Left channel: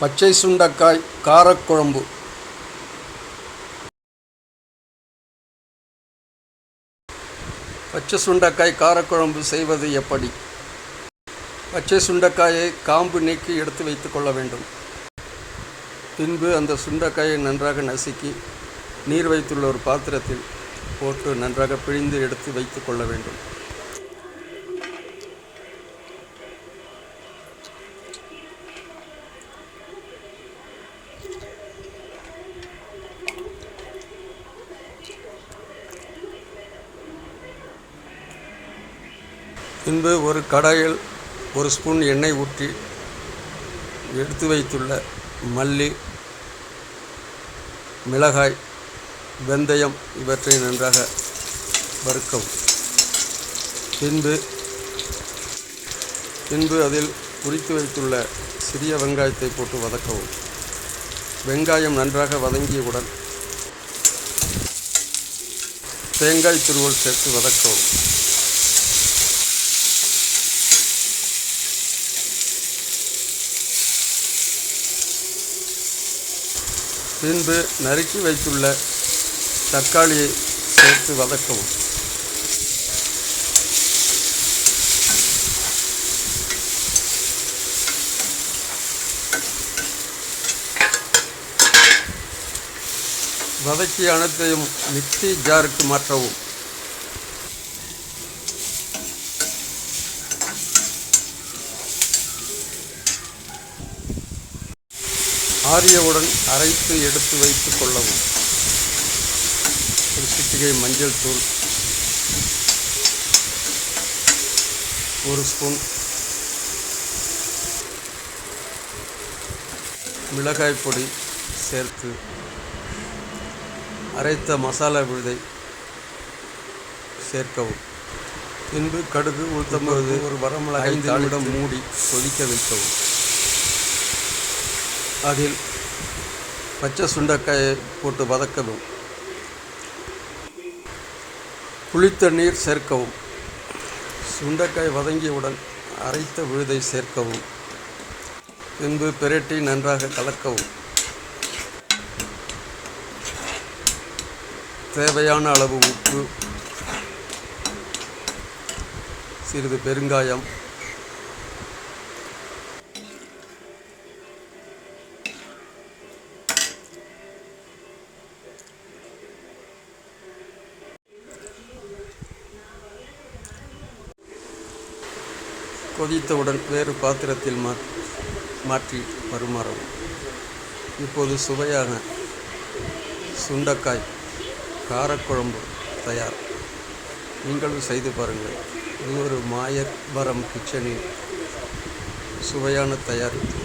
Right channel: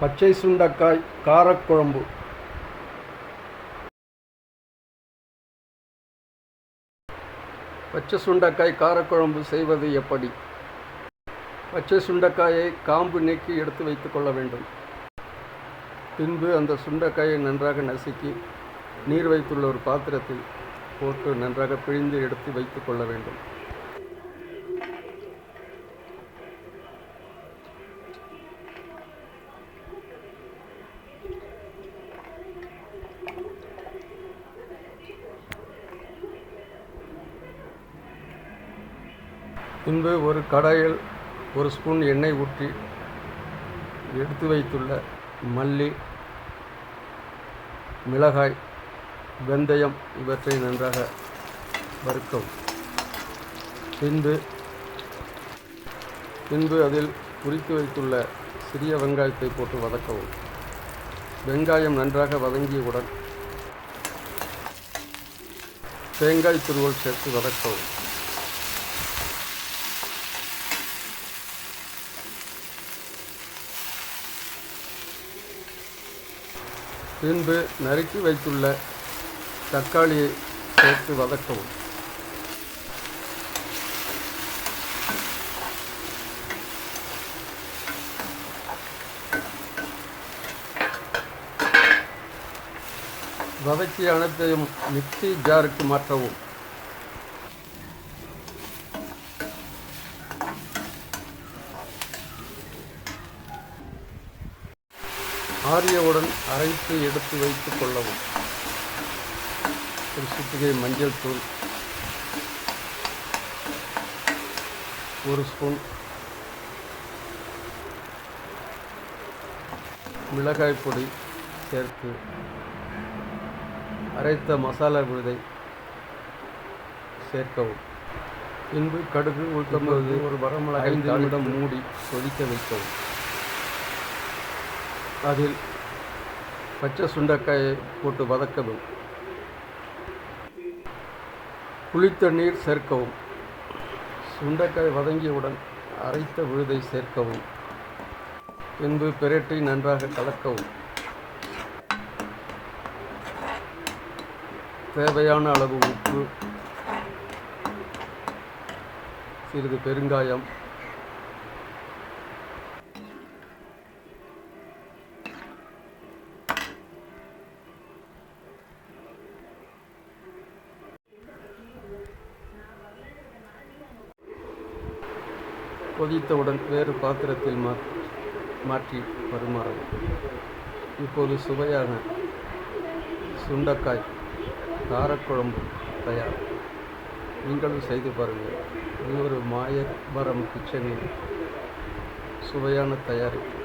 பச்சை சுண்டைக்காய் காரக்குழம்பு. பச்சை சுண்டைக்காய் காரக்குழம்பு செய்வது எப்படி? பச்சை சுண்டைக்காயை காம்பு நீக்கி எடுத்து வைத்து கொள்ள வேண்டும். பின்பு அந்த சுண்டைக்காயை நன்றாக நசுக்கி நீர் வைத்துள்ள ஒரு பாத்திரத்தில் போட்டு நன்றாக பிழிந்து எடுத்து வைத்து கொள்ள வேண்டும். பின்பு ஒரு கடாயில் 1 ஸ்பூன் எண்ணெய் ஊற்றி எடுத்து வைத்துள்ள மல்லி, மிளகாய், வெந்தயம் இவற்றை நன்றாக வறுக்கவும். பின்பு அதில் உரித்து வைத்துள்ள சிறிய வெங்காயத்தை போட்டு வதக்கவும். வெங்காயம் நன்றாக வதங்கியவுடன் தேங்காய் துருவல் சேர்த்து வதக்கவும். பின்பு நறுக்கி வைத்துள்ள தக்காளியை சேர்த்து வதக்கவும். வதக்கி அனைத்தையும் மிக்ஸி ஜாருக்கு மாற்றவும். ஆறியவுடன் அரைத்து எடுத்து வைத்து கொள்ளவும். ஒரு சிட்டிகை மஞ்சள் தூள், 1 ஸ்பூன் மிளகாய் பொடி சேர்த்து அரைத்த மசாலா விழுதை சேர்க்கவும். பின்பு கடுகு, உளுத்தம்பருப்பு, ஒரு வரமிளகாய் 5 நிமிடம் மூடி கொதிக்க வைக்கவும். அதில் பச்சை சுண்டைக்காயை போட்டு வதக்கவும். புளித்தண்ணீர் சேர்க்கவும். சுண்டைக்காய் வதங்கியவுடன் அரைத்த விழுதை சேர்க்கவும். பின்பு பிரட்டி நன்றாக கலக்கவும். தேவையான அளவு உப்பு, சிறிது பெருங்காயம், கொதித்தவுடன் வேறு பாத்திரத்தில் மாற்றி பரிமாறவும். இப்போது சுவையான சுண்டைக்காய் காரக்குழம்பு தயார். நீங்களும் செய்து பாருங்கள். இது ஒரு மாயவரம் கிச்சனின் சுவையான தயாரிப்பு.